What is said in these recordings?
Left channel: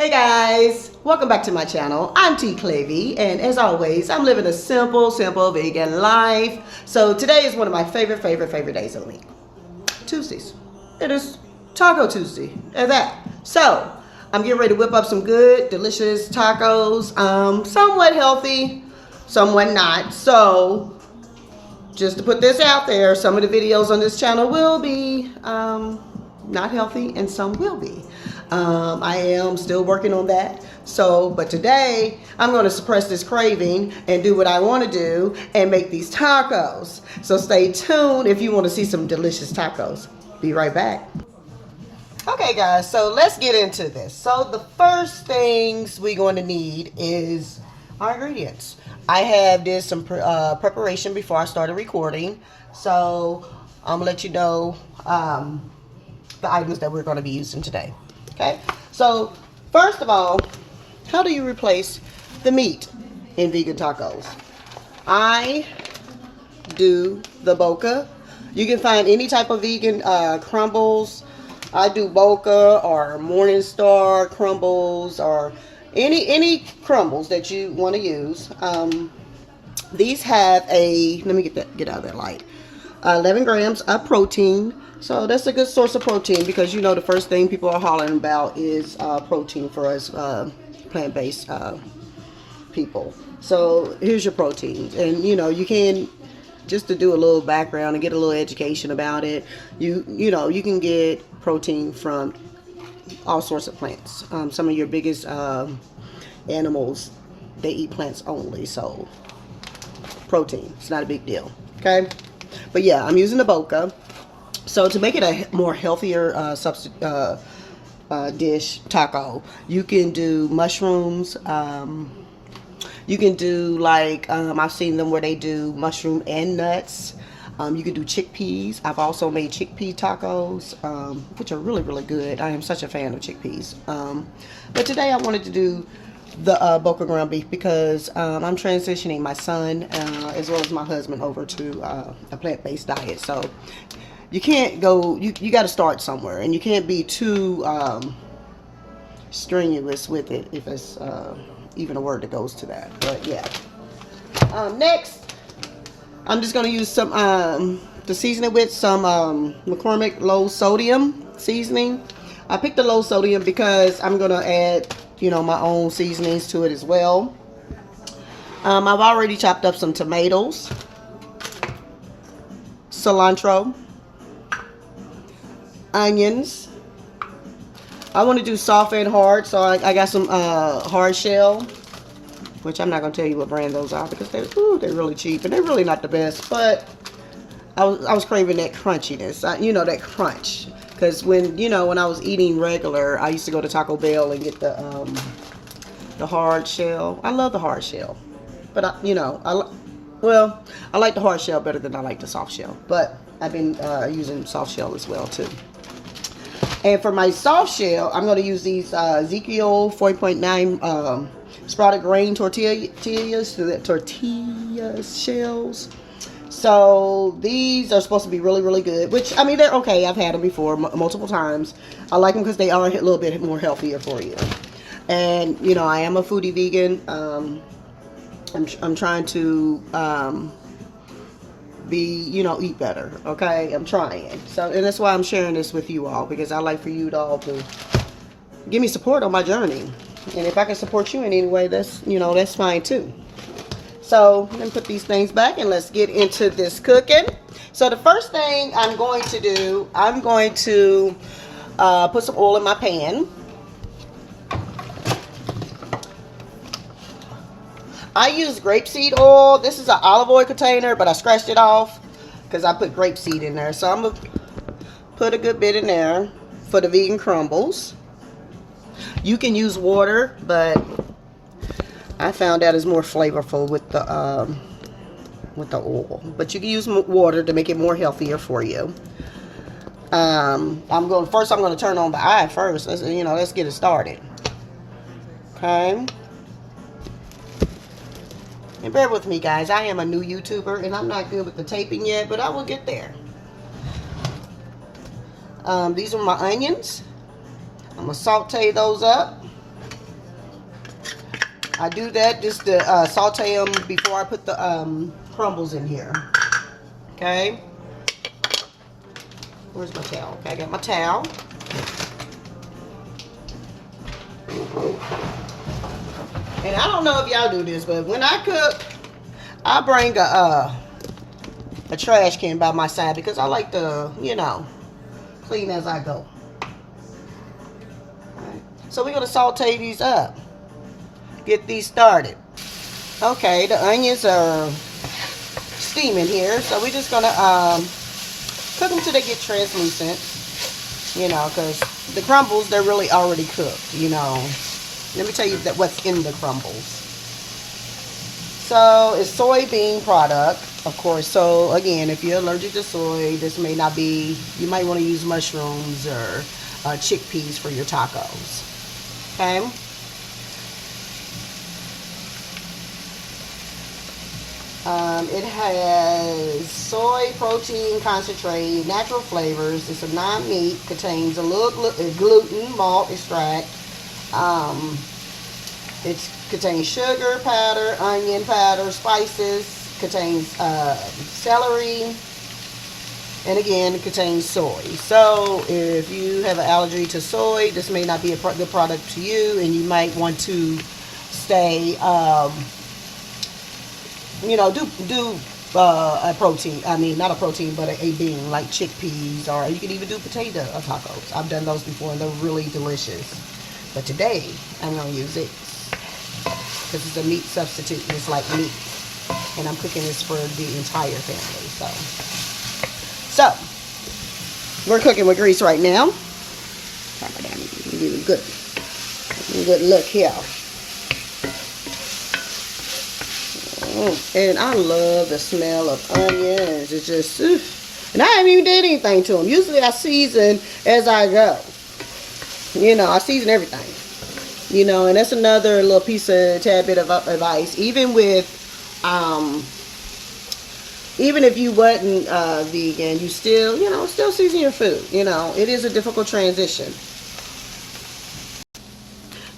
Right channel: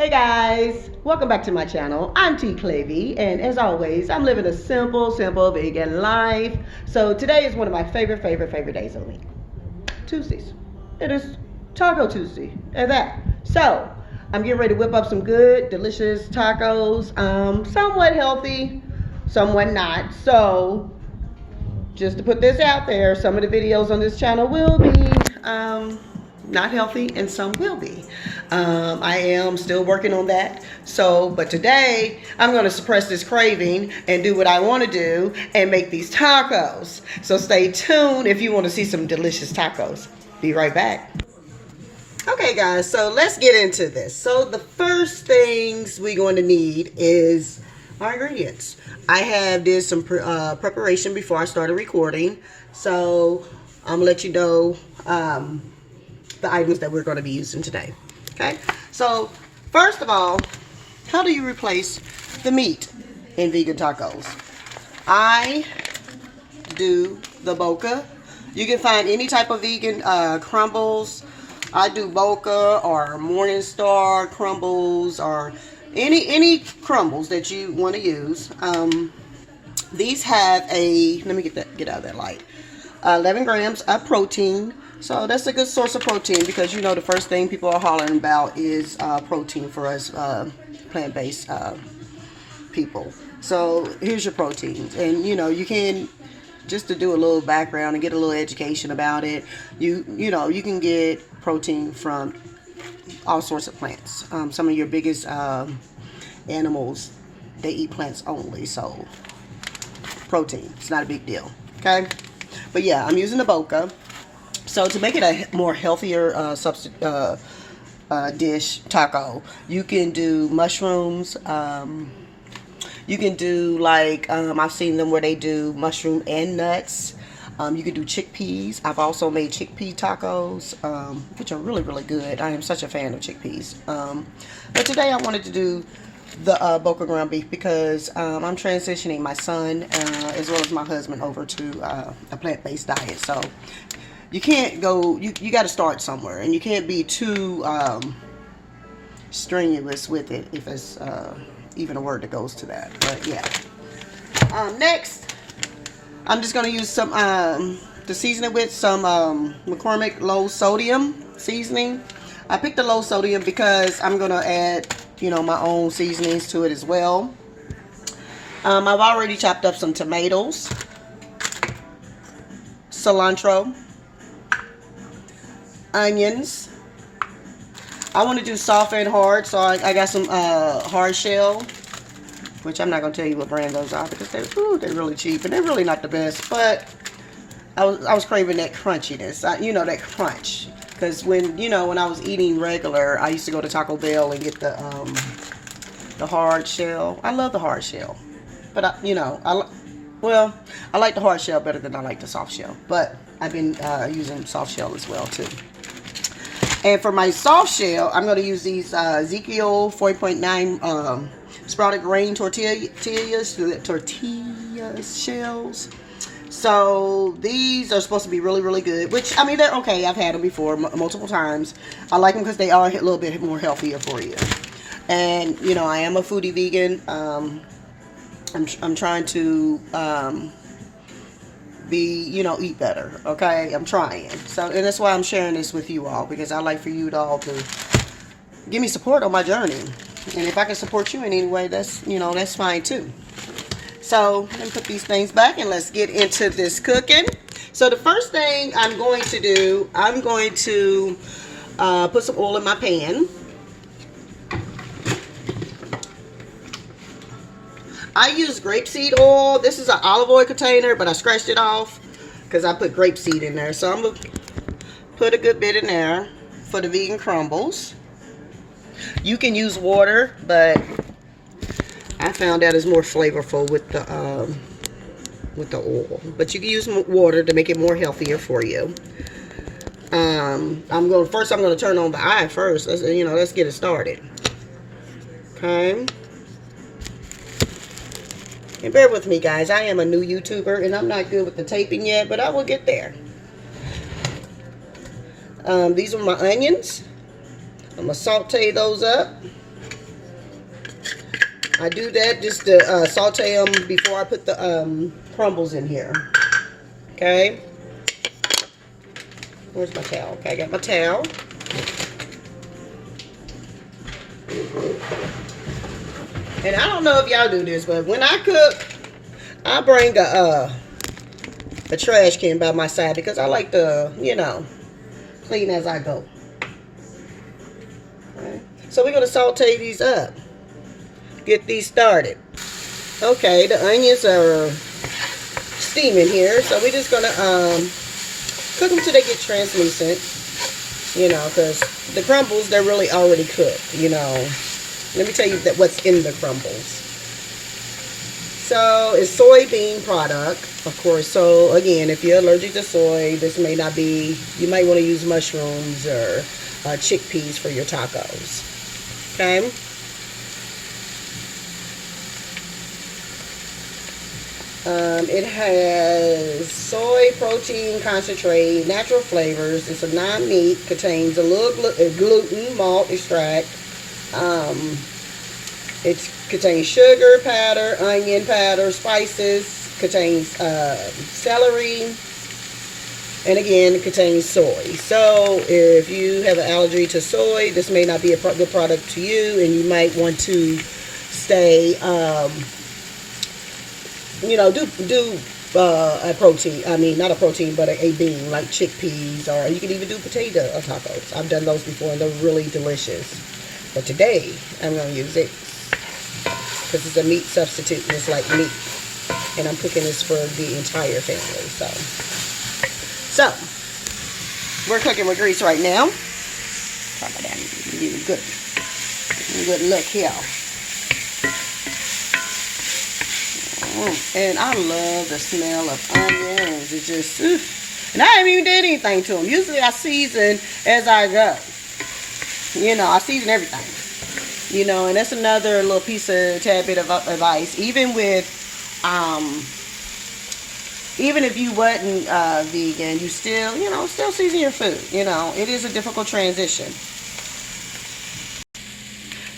Hey guys, welcome back to my channel. I'm T Clavy, and as always, I'm living a simple vegan life. So today is one of my favorite days of the week. Tuesdays. It is Taco Tuesday, and that. So I'm getting ready to whip up some good, delicious tacos. Somewhat healthy, somewhat not. So just to put this out there, some of the videos on this channel will be not healthy and some will be. I am still working on that. But today I'm going to suppress this craving and do what I want to do and make these tacos. So stay tuned if you want to see some delicious tacos. Be right back. Okay guys, so let's get into this. So the first things we're going to need is our ingredients. I have did some preparation before I started recording. So I'm going to let you know the items that we're going to be using today. Okay, so first of all, how do you replace the meat in vegan tacos? I do the Boca. You can find any type of vegan crumbles. I do Boca or Morningstar crumbles or any crumbles that you want to use. These have let me get out of that light. 11 grams of protein. So that's a good source of protein because you know the first thing people are hollering about is protein for us plant-based people. So here's your protein, and you know you can just to do a little background and get a little education about it. You know you can get protein from all sorts of plants. Some of your biggest animals, they eat plants only, so protein, it's not a big deal. Okay, but yeah, I'm using the Boca. So to make it a more healthier dish taco, you can do mushrooms. You can do like I've seen them where they do mushroom and nuts. You can do chickpeas. I've also made chickpea tacos, which are really good. I am such a fan of chickpeas. But today I wanted to do the Boca ground beef because I'm transitioning my son as well as my husband over to a plant-based diet. So you can't go, you got to start somewhere, and you can't be too strenuous with it, if it's even a word that goes to that. But yeah. Next, I'm just going to use some, to season it with some McCormick low sodium seasoning. I picked the low sodium because I'm going to add, you know, my own seasonings to it as well. I've already chopped up some tomatoes, cilantro, onions. I want to do soft and hard, so I got some hard shell, which I'm not going to tell you what brand those are because they're really cheap and they're really not the best, but I was craving that crunchiness, you know, that crunch, because when I was eating regular, I used to go to Taco Bell and get the hard shell. I love the hard shell, but I like the hard shell better than I like the soft shell, but I've been using soft shell as well too. And for my soft shell, I'm going to use these Ezekiel 4.9 sprouted grain tortilla shells. So these are supposed to be really good, which, I mean, they're okay. I've had them before multiple times. I like them because they are a little bit more healthier for you. And, you know, I am a foodie vegan. I'm trying to eat better, okay? I'm trying. So, and that's why I'm sharing this with you all, because I like for you to all to give me support on my journey. And if I can support you in any way, that's fine too. So let me put these things back and let's get into this cooking. So the first thing I'm going to do, I'm going to put some oil in my pan. I use grapeseed oil. This is an olive oil container, but I scratched it off because I put grapeseed in there. So I'm going to put a good bit in there for the vegan crumbles. You can use water, but I found that is more flavorful with the oil. But you can use water to make it more healthier for you. I'm going to turn on the eye first. Let's get it started. Okay. And bear with me, guys. I am a new YouTuber, and I'm not good with the taping yet, but I will get there. These are my onions. I'm going to saute those up. I do that just to saute them before I put the crumbles in here. Okay. Where's my towel? Okay, I got my towel. And I don't know if y'all do this, but when I cook, I bring a trash can by my side because I like to, you know, clean as I go. Okay. So we're going to saute these up. Get these started. Okay, the onions are steaming here, so we're just going to cook them till they get translucent. You know, because the crumbles, they're really already cooked, you know. Let me tell you that what's in the crumbles. So, it's soybean product, of course. So, again, if you're allergic to soy, this may not be, you might want to use mushrooms or chickpeas for your tacos. Okay? It has soy protein concentrate, natural flavors. It's a non-meat, contains a little gluten, malt extract. It contains sugar powder, onion powder, spices, contains celery, and again, it contains soy. So if you have an allergy to soy, this may not be a good product to you, and you might want to stay, you know, do a protein. I mean, not a protein, but a bean, like chickpeas, or you can even do potato tacos. I've done those before, and they're really delicious. But today, I'm going to use it because it's a meat substitute, and it's like meat. And I'm cooking this for the entire family. So we're cooking with grease right now. Good look here. And I love the smell of onions. It's just, and I haven't even did anything to them. Usually I season as I go. You know, I season everything. You know, and that's another little piece of tad bit of advice. Even with, even if you wasn't vegan, you still, you know, still season your food. You know, it is a difficult transition.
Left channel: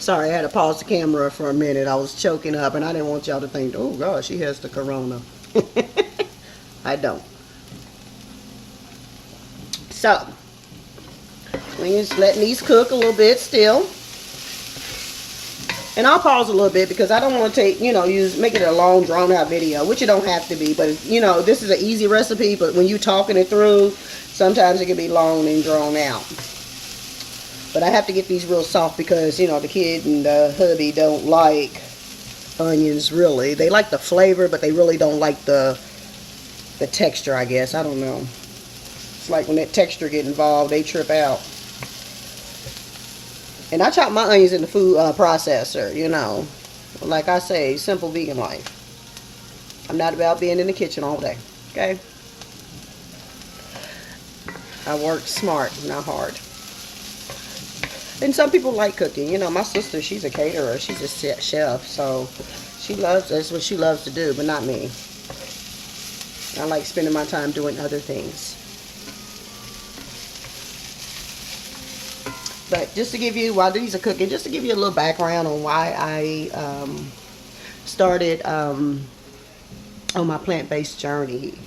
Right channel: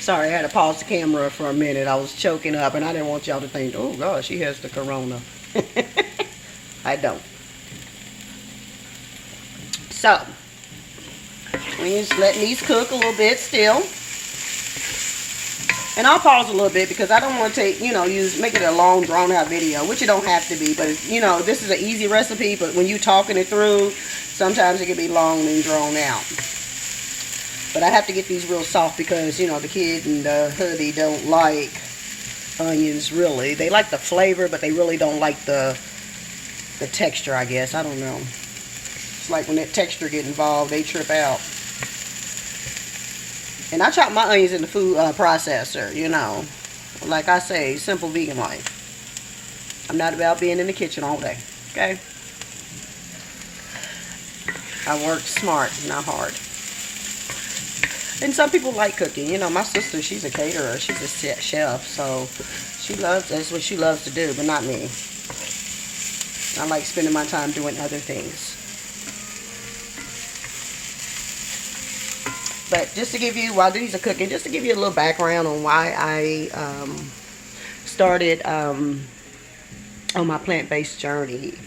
Sorry, I had to pause the camera for a minute. I was choking up, and I didn't want y'all to think, oh, gosh, she has the corona. I don't. So, we're just letting these cook a little bit still. And I'll pause a little bit because I don't want to take, you know, make it a long, drawn-out video, which it don't have to be. But, you know, this is an easy recipe, but when you're talking it through, sometimes it can be long and drawn out. But I have to get these real soft because, you know, the kid and the hubby don't like onions, really. They like the flavor, but they really don't like the texture, I guess. I don't know. It's like when that texture get involved, they trip out. And I chop my onions in the food processor, you know. Like I say, simple vegan life. I'm not about being in the kitchen all day, okay? I work smart, not hard. And some people like cooking. You know, my sister, she's a caterer. She's a chef. So, that's what she loves to do, but not me. I like spending my time doing other things. But just to give you, while these are cooking, just to give you a little background on why I started on my plant-based journey.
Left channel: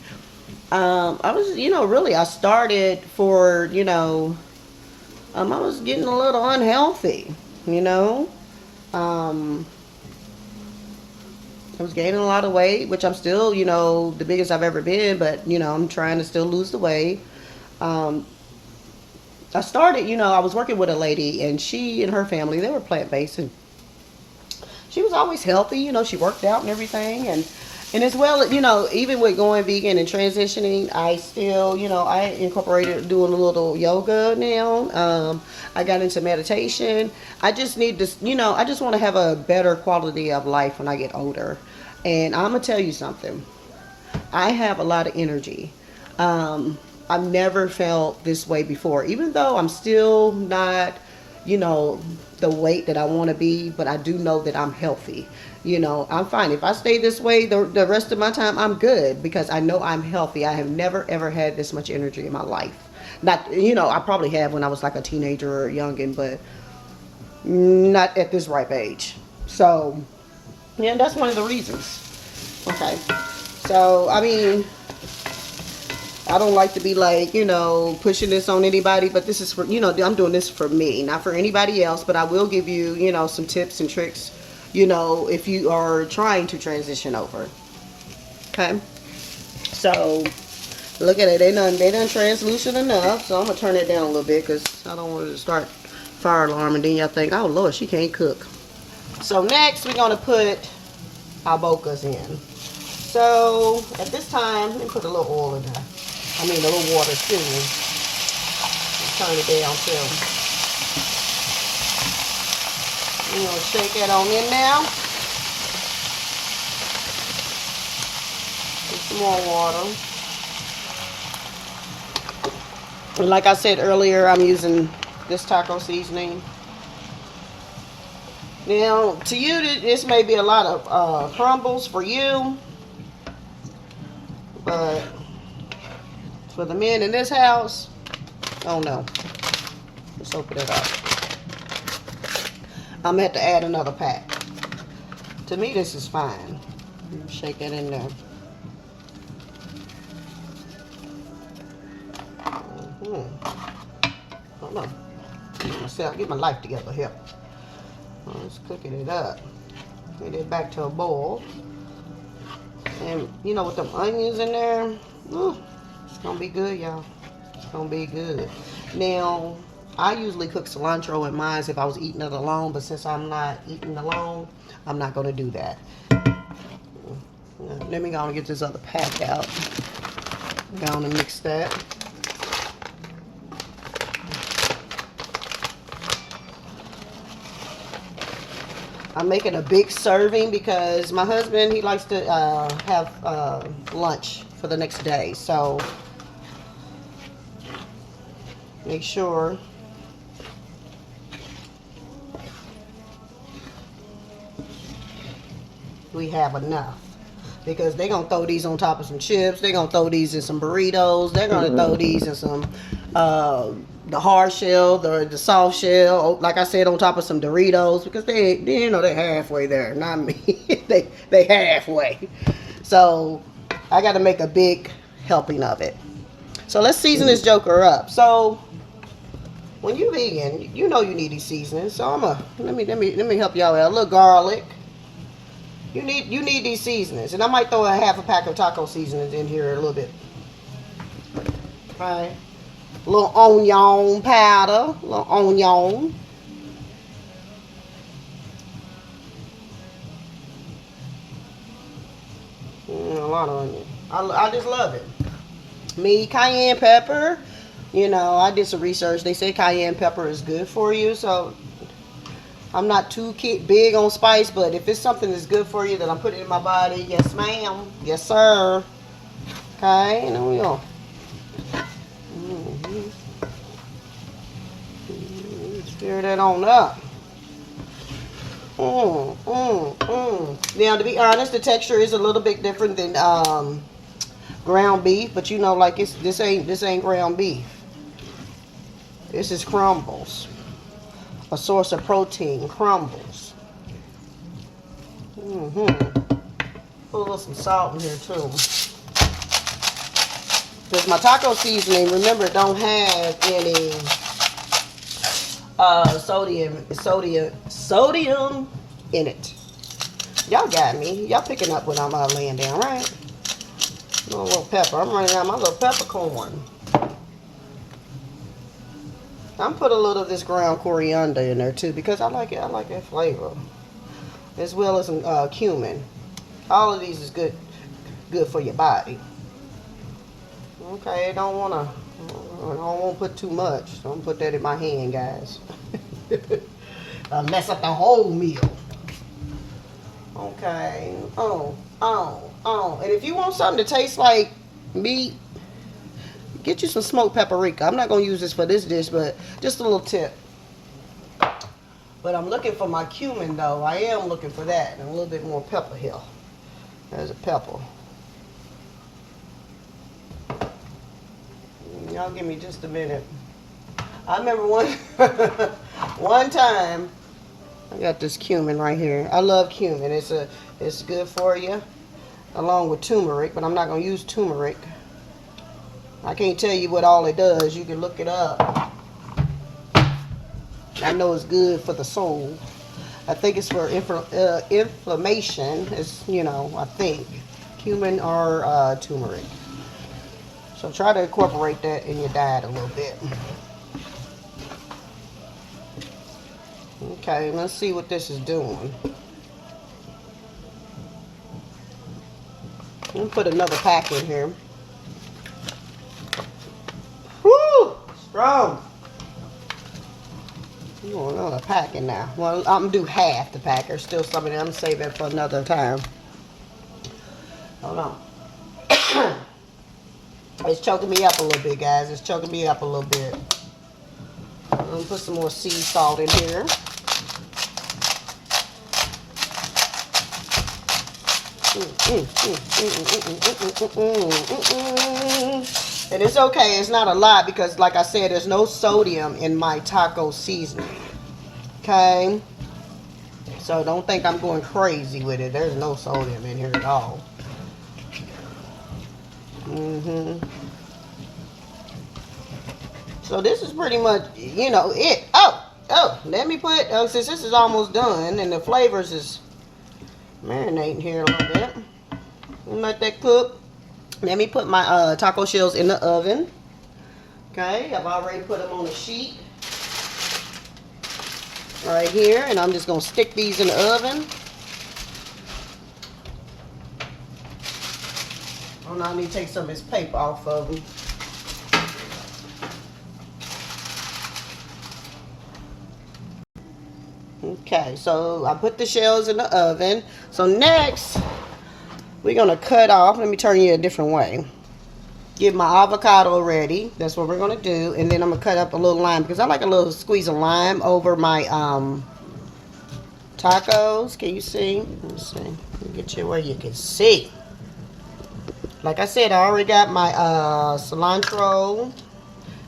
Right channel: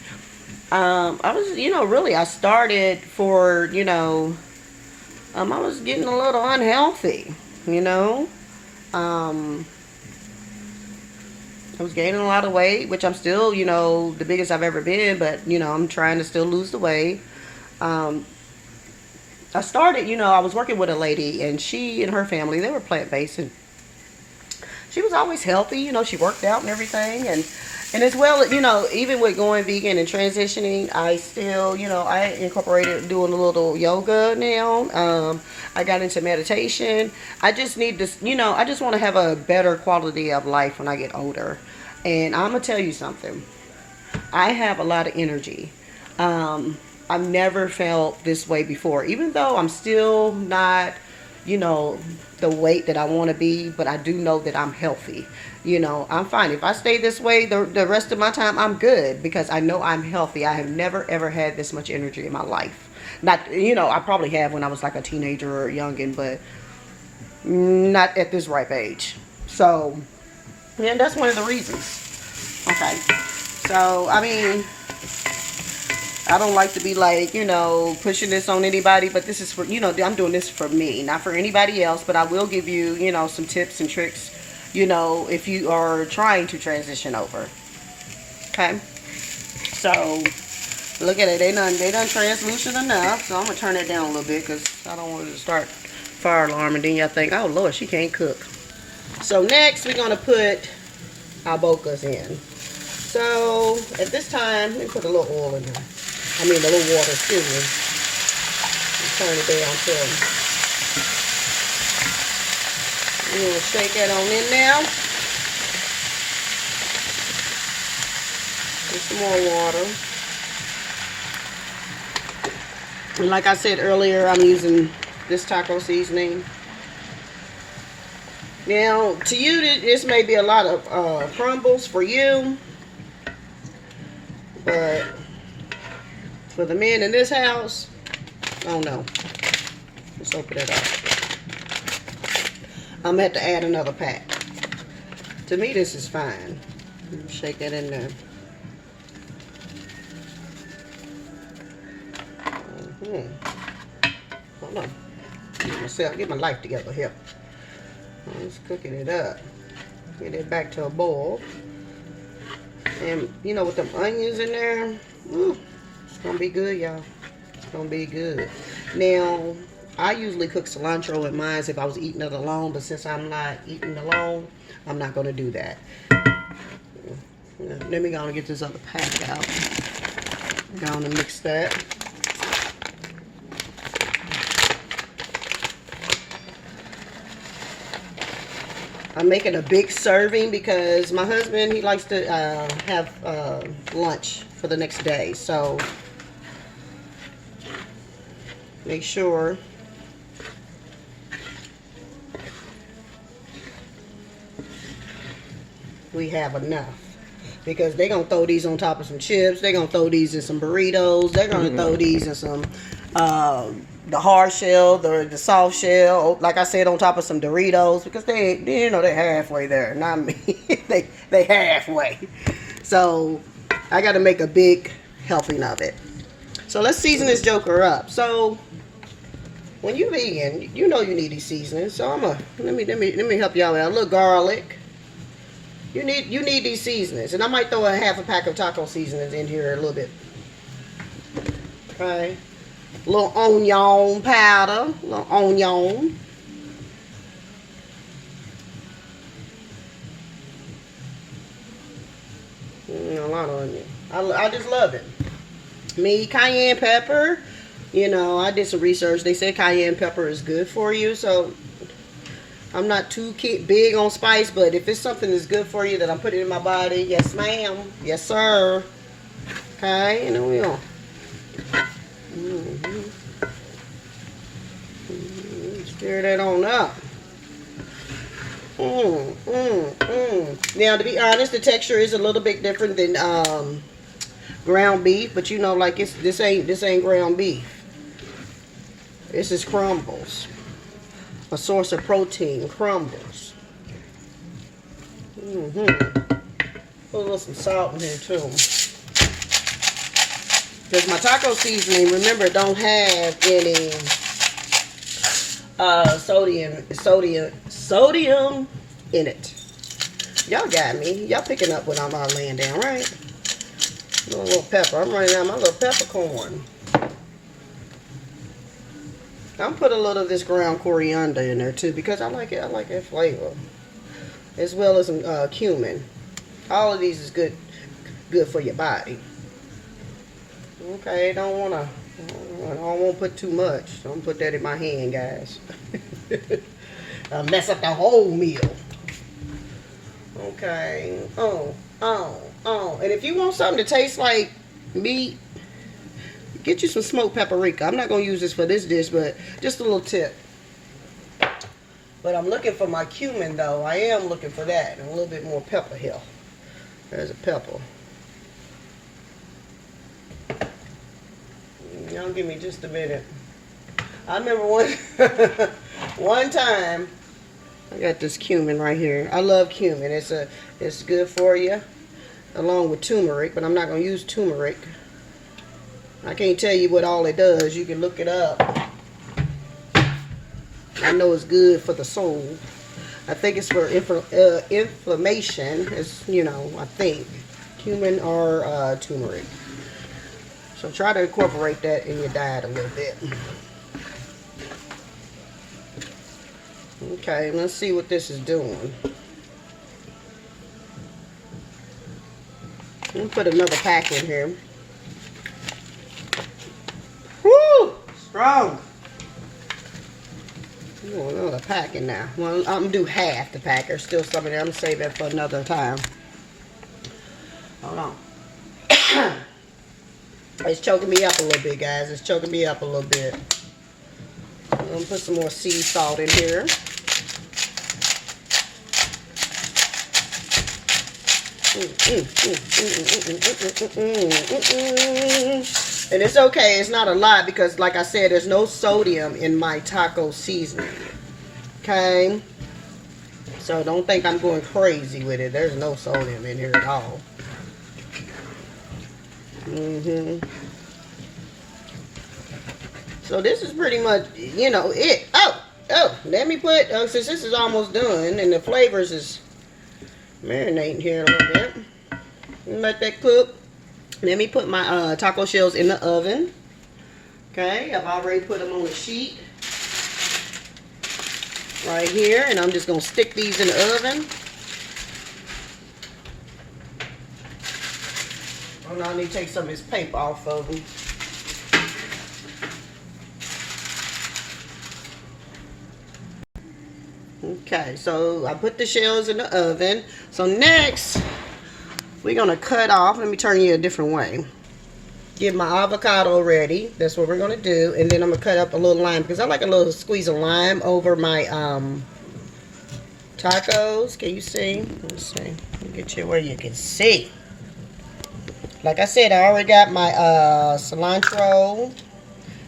I was, you know, really, I started for, you know, I was getting a little unhealthy, you know. I was gaining a lot of weight, which I'm still, you know, the biggest I've ever been, but, you know, I'm trying to still lose the weight. I started, you know, I was working with a lady, and she and her family, they were plant-based, and she was always healthy, you know, she worked out and everything, and as well, you know, even with going vegan and transitioning, I still, you know, I incorporated doing a little yoga now. I got into meditation. I just need this, you know, I just want to have a better quality of life when I get older. And I'm going to tell you something. I have a lot of energy. I've never felt this way before, even though I'm still not, you know, the weight that I want to be, but I do know that I'm healthy. You know, I'm fine. If I stay this way the rest of my time, I'm good because I know I'm healthy. I have never, ever had this much energy in my life. Not, you know, I probably have when I was like a teenager or youngin', but not at this ripe age. So, yeah, that's one of the reasons. Okay. So, I mean, I don't like to be like, you know, pushing this on anybody, but this is for, you know, I'm doing this for me, not for anybody else, but I will give you, you know, some tips and tricks, you know, if you are trying to transition over. Okay. So, look at it. They done translucent enough. So, I'm going to turn it down a little bit because I don't want it to start fire alarm and then y'all think, oh, Lord, she can't cook. So, next, we're going to put our bocas in. So, at this time, let me put a little oil in there. I mean, a little water, excuse me. Let's turn it down too. I'm going to shake that on in now. Get some more water. And like I said earlier, I'm using this taco seasoning. Now, to you, this may be a lot of crumbles for you. But for the men in this house, oh no. Let's open it up. I'm going to have to add another pack. To me, this is fine. Shake that in there. Hold on. Get my life together here. Let's cooking it up. Get it back to a boil. And you know, with them onions in there, ooh, it's gonna be good, y'all. It's gonna be good. Now, I usually cook cilantro in mine if I was eating it alone, but since I'm not eating alone, I'm not gonna do that. Let me go and get this other pack out. Go on and mix that. I'm making a big serving because my husband, he likes to have lunch for the next day. So make sure we have enough. Because they're going to throw these on top of some chips. They're going to throw these in some burritos. They're going to throw these in some the hard shell, the soft shell, like I said, on top of some Doritos, because they you know, they're halfway there. Not me. they halfway. So I got to make a big helping of it. So let's season this joker up. So when you vegan, you know you need these seasonings. So I'm let me help y'all out. A little garlic. You need these seasonings, and I might throw a half a pack of taco seasonings in here a little bit. Okay. A little onion powder, a little onion. A lot of onion. I just love it. Me, cayenne pepper. You know, I did some research. They say cayenne pepper is good for you, so I'm not too big on spice, but if it's something that's good for you that I'm putting in my body, yes ma'am, yes sir. Okay, and then we go. Stir that on up. Now, to be honest, the texture is a little bit different than ground beef, but you know, like this ain't ground beef. This is crumbles. A source of protein, crumbles. Put a little some salt in here too. Because my taco seasoning, remember, don't have any sodium in it. Y'all got me. Y'all picking up what I'm laying down, right? A little pepper. I'm running out my little peppercorn. I'm put a little of this ground coriander in there too because I like it. I like that flavor, as well as some cumin. All of these is good for your body. Okay, I don't want to put too much. Don't put that in my hand, guys. I'll mess up the whole meal. Okay. And if you want something to taste like meat, get you some smoked paprika. I'm not going to use this for this dish, but just a little tip. But I'm looking for my cumin, though. I am looking for that. And a little bit more pepper here. There's a pepper. Y'all give me just a minute. I remember one time I got this cumin right here. I love cumin. It's good for you, along with turmeric, but I'm not gonna use turmeric. I can't tell you what all it does. You can look it up. I know it's good for the soul. I think it's for inflammation. It's, you know, I think cumin or turmeric. So try to incorporate that in your diet a little bit. Okay, let's see what this is doing. Let me put another pack in here. Woo! Strong. You want another pack in now. Well, I'm going to do half the pack. There's still some in there. I'm going to save that for another time. Hold on. It's choking me up a little bit, guys. It's choking me up a little bit. I'm going to put some more sea salt in here. And it's okay. It's not a lot because, like I said, there's no sodium in my taco seasoning. Okay? So don't think I'm going crazy with it. There's no sodium in here at all. So this is pretty much, you know, it. Oh, let me put, since this is almost done and the flavors is marinating here a little bit. Let that cook. Let me put my taco shells in the oven. Okay, I've already put them on a sheet right here, and I'm just gonna stick these in the oven. Oh no, I need to take some of this paper off of them. Okay, so I put the shells in the oven. So next, we're gonna cut off. Let me turn you a different way. Get my avocado ready. That's what we're gonna do. And then I'm gonna cut up a little lime because I like a little squeeze of lime over my tacos. Can you see? Let's see. Let me get you where you can see. Like I said, I already got my cilantro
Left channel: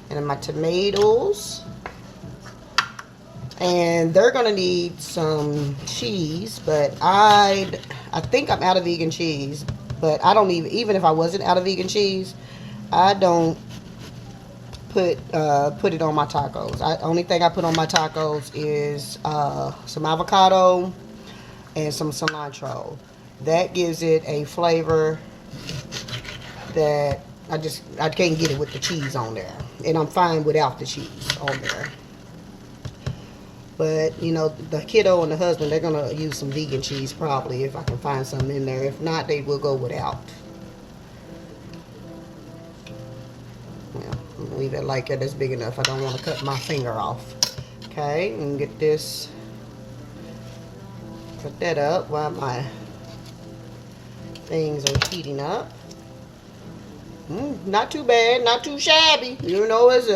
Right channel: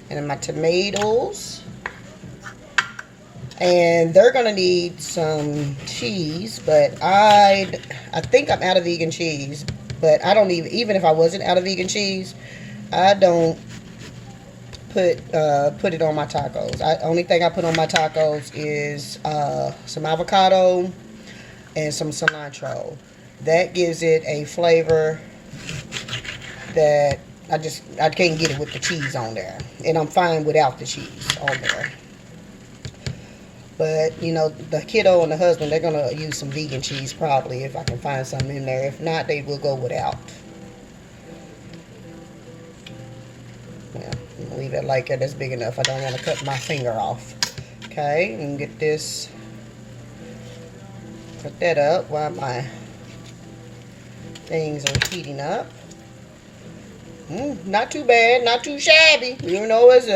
and my tomatoes. And they're gonna need some cheese, but I think I'm out of vegan cheese. But I don't even if I wasn't out of vegan cheese, I don't put it on my tacos. Only thing I put on my tacos is some avocado and some cilantro. That gives it a flavor that I can't get it with the cheese on there, and I'm fine without the cheese on there. But, you know, the kiddo and the husband, they're going to use some vegan cheese probably if I can find some in there. If not, they will go without. Yeah, I'm going to leave it like that. That's big enough. I don't want to cut my finger off. Okay, and get this. Cut that up while my things are heating up. Not too bad. Not too shabby. You know, it's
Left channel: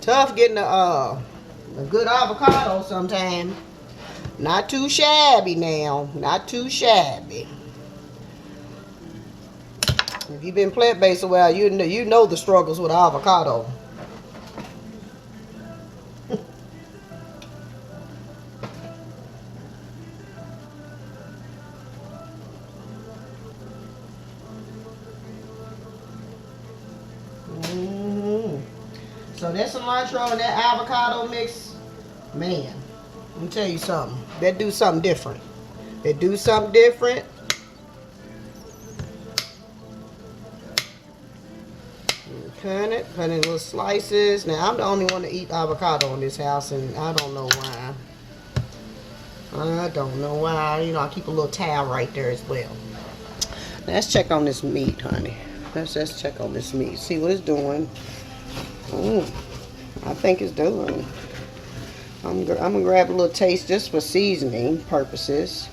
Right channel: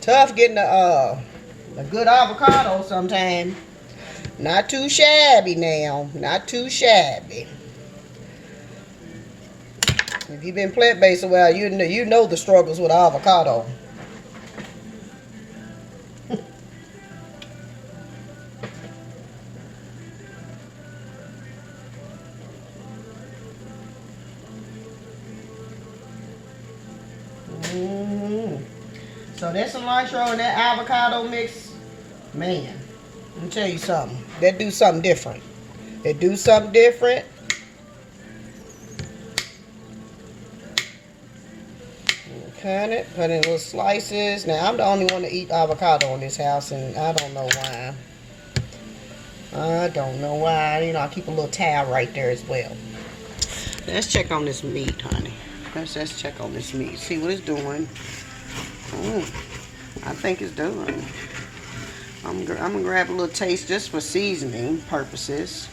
tough getting a good avocado sometime. Not too shabby now. Not too shabby. If you've been plant-based a while, you know the struggles with avocado. So that cilantro and that avocado mix, man, let me tell you something. That do something different. It do something different. Cut it, put in little slices. Now, I'm the only one to eat avocado in this house, and I don't know why. I don't know why. You know, I keep a little towel right there as well. Now, let's check on this meat, honey. Let's check on this meat. See what it's doing. I think it's done. I'm gonna grab a little taste just for seasoning purposes.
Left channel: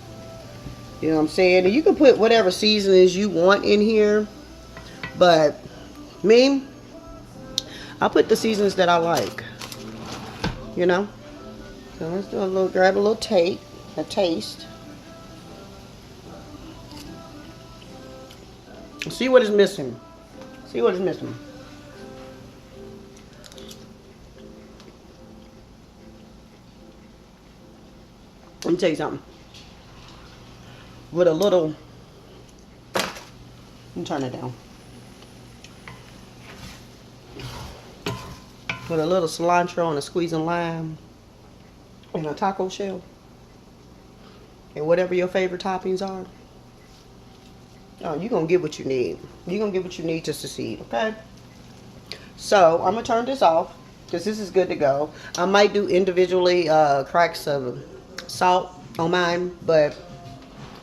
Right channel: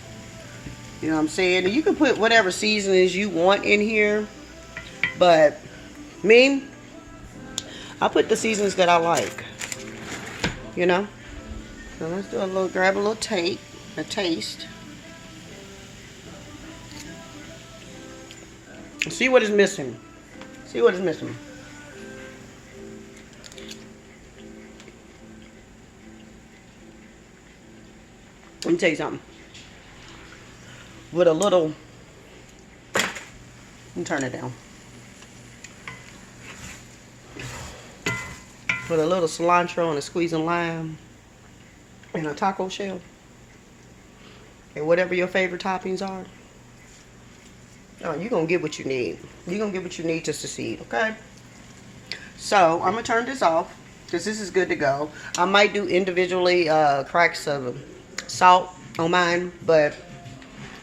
You know what I'm saying? And you can put whatever seasonings you want in here, but me, I put the seasonings that I like. You know. So let's do grab a little taste. See what is missing. See what is missing. Let me tell you something. With a little, let me turn it down. With a little cilantro and a squeeze of lime and a taco shell. And whatever your favorite toppings are. Oh, you're going to get what you need. You're going to get what you need to succeed, okay? So, I'm going to turn this off because this is good to go. I might do individually cracks of salt on mine, but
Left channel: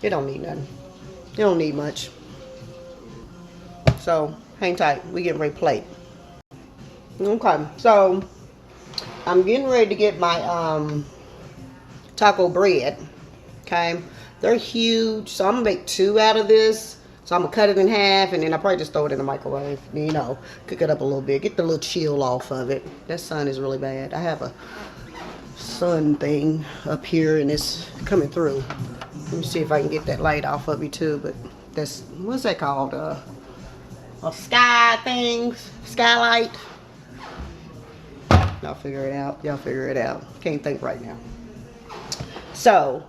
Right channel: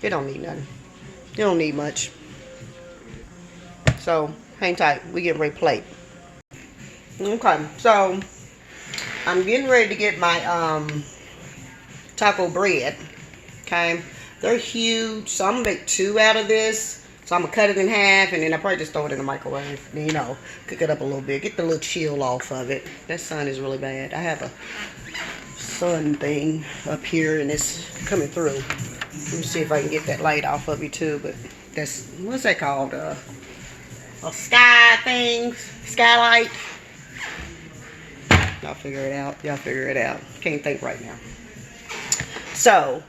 it don't need nothing. It don't need much. So, hang tight. We getting ready to plate. Okay, so I'm getting ready to get my taco bread. Okay, they're huge, so I'm gonna make 2 out of this. So I'm gonna cut it in half, and then I probably just throw it in the microwave. You know, cook it up a little bit, get the little chill off of it. That sun is really bad. I have a sun thing up here, and it's coming through. Let me see if I can get that light off of you too. But that's, what's that called? A sky thing, skylight. Y'all figure it out. Y'all figure it out. Can't think right now. So,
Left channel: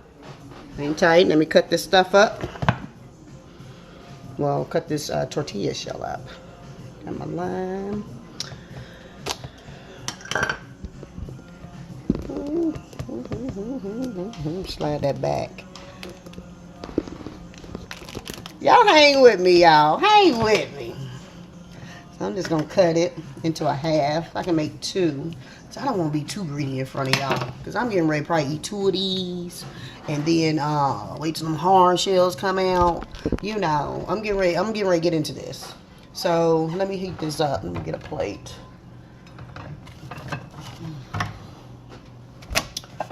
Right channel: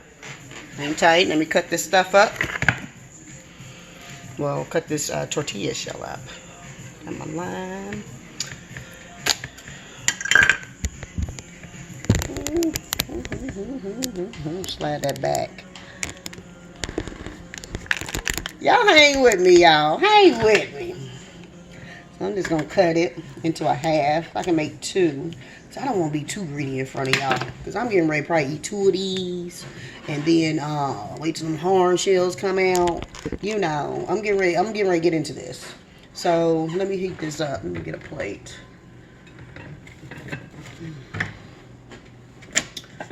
hang tight. Let me cut this stuff up. Well, cut this tortilla shell up. Got my lime. Slide that back. Y'all hang with me, y'all. Hang with me. I'm just going to cut it into a half. I can make 2. So I don't want to be too greedy in front of y'all. Because I'm getting ready to probably eat 2 of these. And then wait till them horn shells come out. You know, I'm getting ready to get into this. So let me heat this up. Let me get a plate.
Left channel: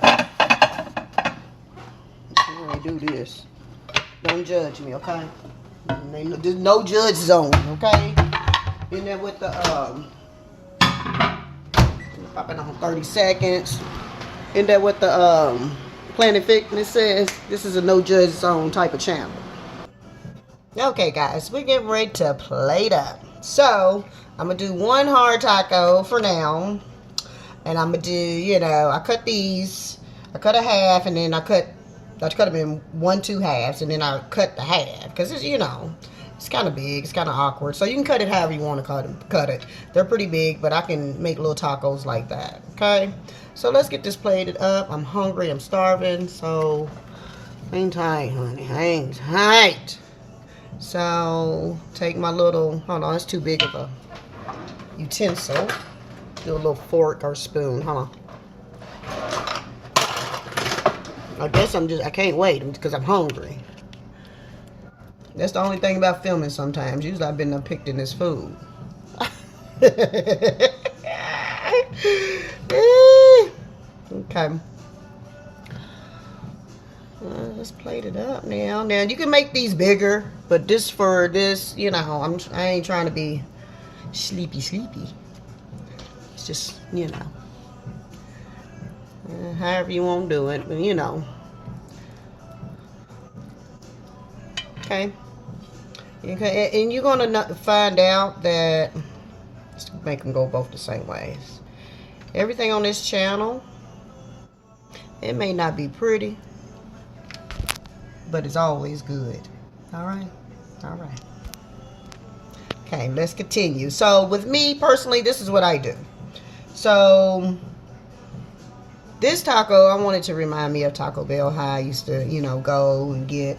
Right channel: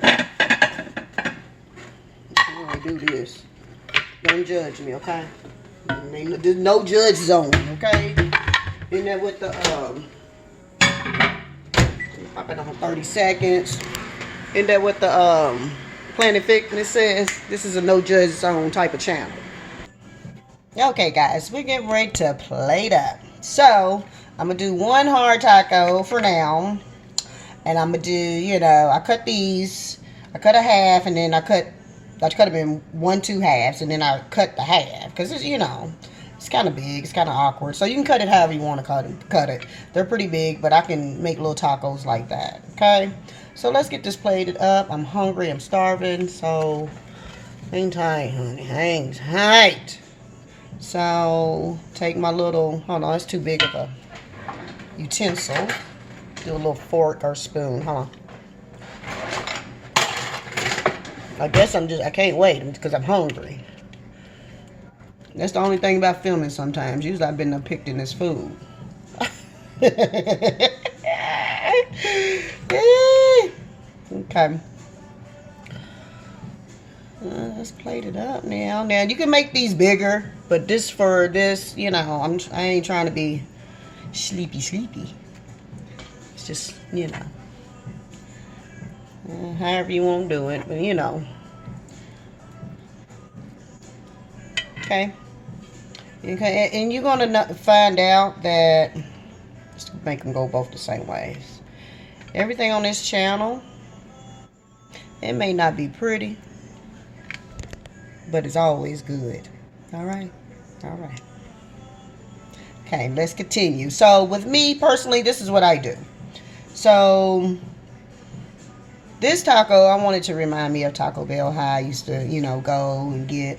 I'm going to do this. Don't judge me, okay? There's no judge zone, okay? In there with the pop it on 30 seconds. In there with the Planet Fitness says this is a no judge zone type of channel. Okay, guys, we're getting ready to plate up. So I'm gonna do 1 hard taco for now, and I'm gonna do, you know, I cut these. I cut a half, and then I cut them in 1-2 halves, and then I cut the half because it's, you know, it's kind of big. It's kind of awkward. So you can cut it however you want to cut it. They're pretty big, but I can make little tacos like that. Okay? So let's get this plated up. I'm hungry. I'm starving. So hang tight, honey. Hang tight. So take my little, hold on, it's too big of a utensil. Do a little fork or spoon. Hold on. I guess I can't wait because I'm hungry. That's the only thing about filming sometimes. Usually I've been picked in this food. Okay. Let's plate it up now. Now you can make these bigger, but this for this, you know, I ain't trying to be sleepy. It's just, you know, however you want to do it, but you know. Okay. Okay, and you're gonna find out that, let's make them go both the same ways. Everything on this channel, it may not be pretty, but it's always good. All right. Okay, let's continue. So with me personally, this is what I do. So this taco, I wanted to remind me of Taco Bell, how I used to, you know, go and get,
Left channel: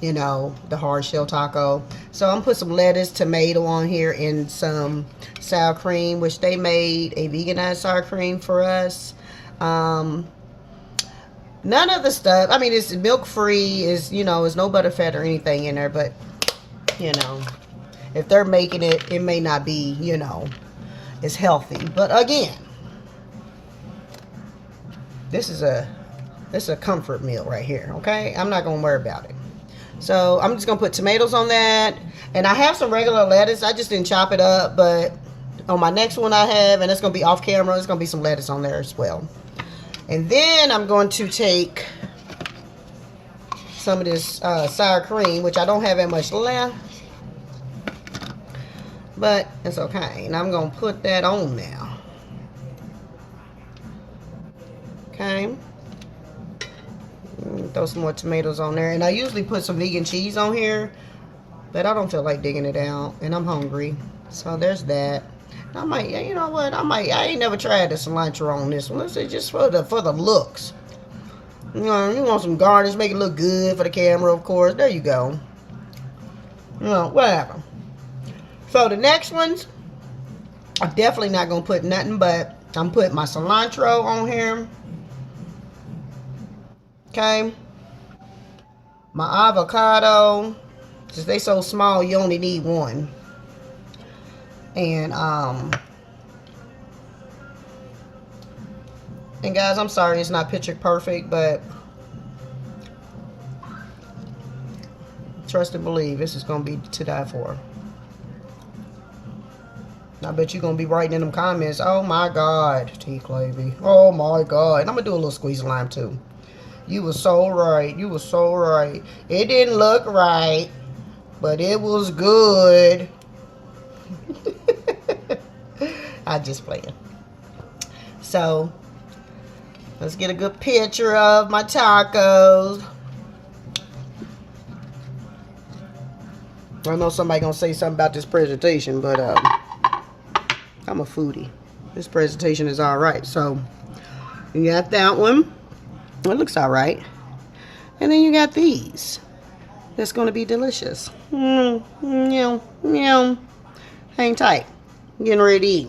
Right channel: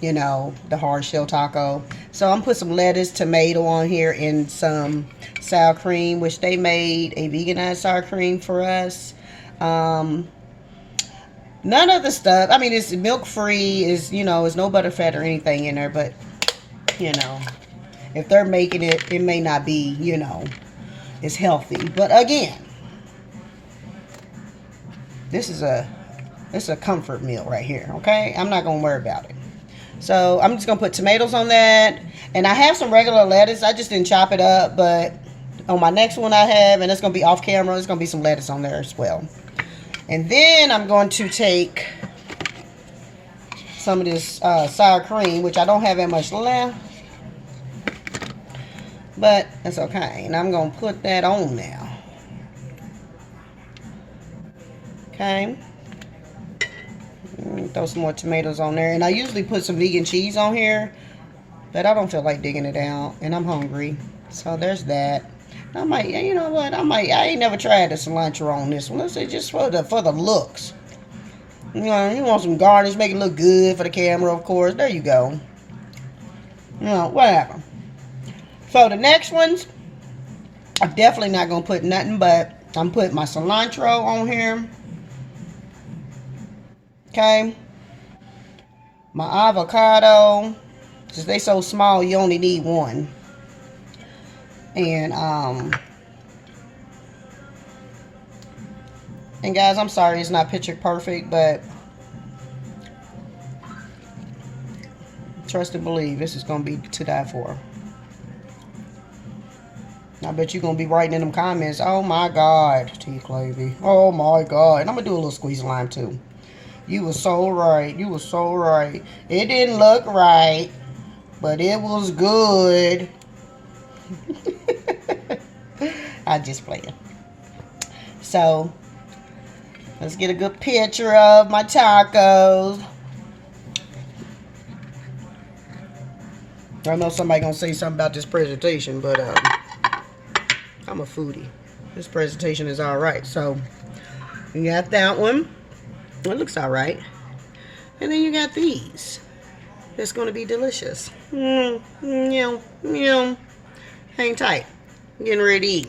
you know, the hard shell taco. So I'm put some lettuce, tomato on here, and some sour cream, which they made a veganized sour cream for us. None of the stuff, I mean, it's milk free, is, you know, there's no butter, fat, or anything in there, but, you know, if they're making it, it may not be, you know, it's healthy. But again, this is a comfort meal right here, okay? I'm not gonna worry about it. So I'm just gonna put tomatoes on that, and I have some regular lettuce. I just didn't chop it up, but on my next one I have, and it's gonna be off camera, there's gonna be some lettuce on there as well. And then I'm going to take some of this sour cream, which I don't have that much left, but that's okay. And I'm gonna put that on now. Okay. throw some more tomatoes on there. And I usually put some vegan cheese on here, but I don't feel like digging it out, and I'm hungry. So there's that. I might, you know what? I ain't never tried the cilantro on this one. Let's say just for the looks. You know, you want some garnish, make it look good for the camera, of course. There you go. You know, whatever. So the next ones, I'm definitely not gonna put nothing but I'm putting my cilantro on here. Okay. My avocado. Since they so small, you only need one. And guys, I'm sorry it's not picture perfect, but trust and believe this is gonna be to die for. I bet you're gonna be writing in them comments, oh my God, T. Clavy. Oh my God. And I'm gonna do a little squeeze of lime too. You were so right. You were so right. It didn't look right, but it was good. I just playing. So let's get a good picture of my tacos. I know somebody gonna say something about this presentation, but I'm a foodie. This presentation is all right. So you got that one. It looks all right. And then you got these. That's gonna be delicious. Meow, meow. Hang tight. I'm getting ready to eat.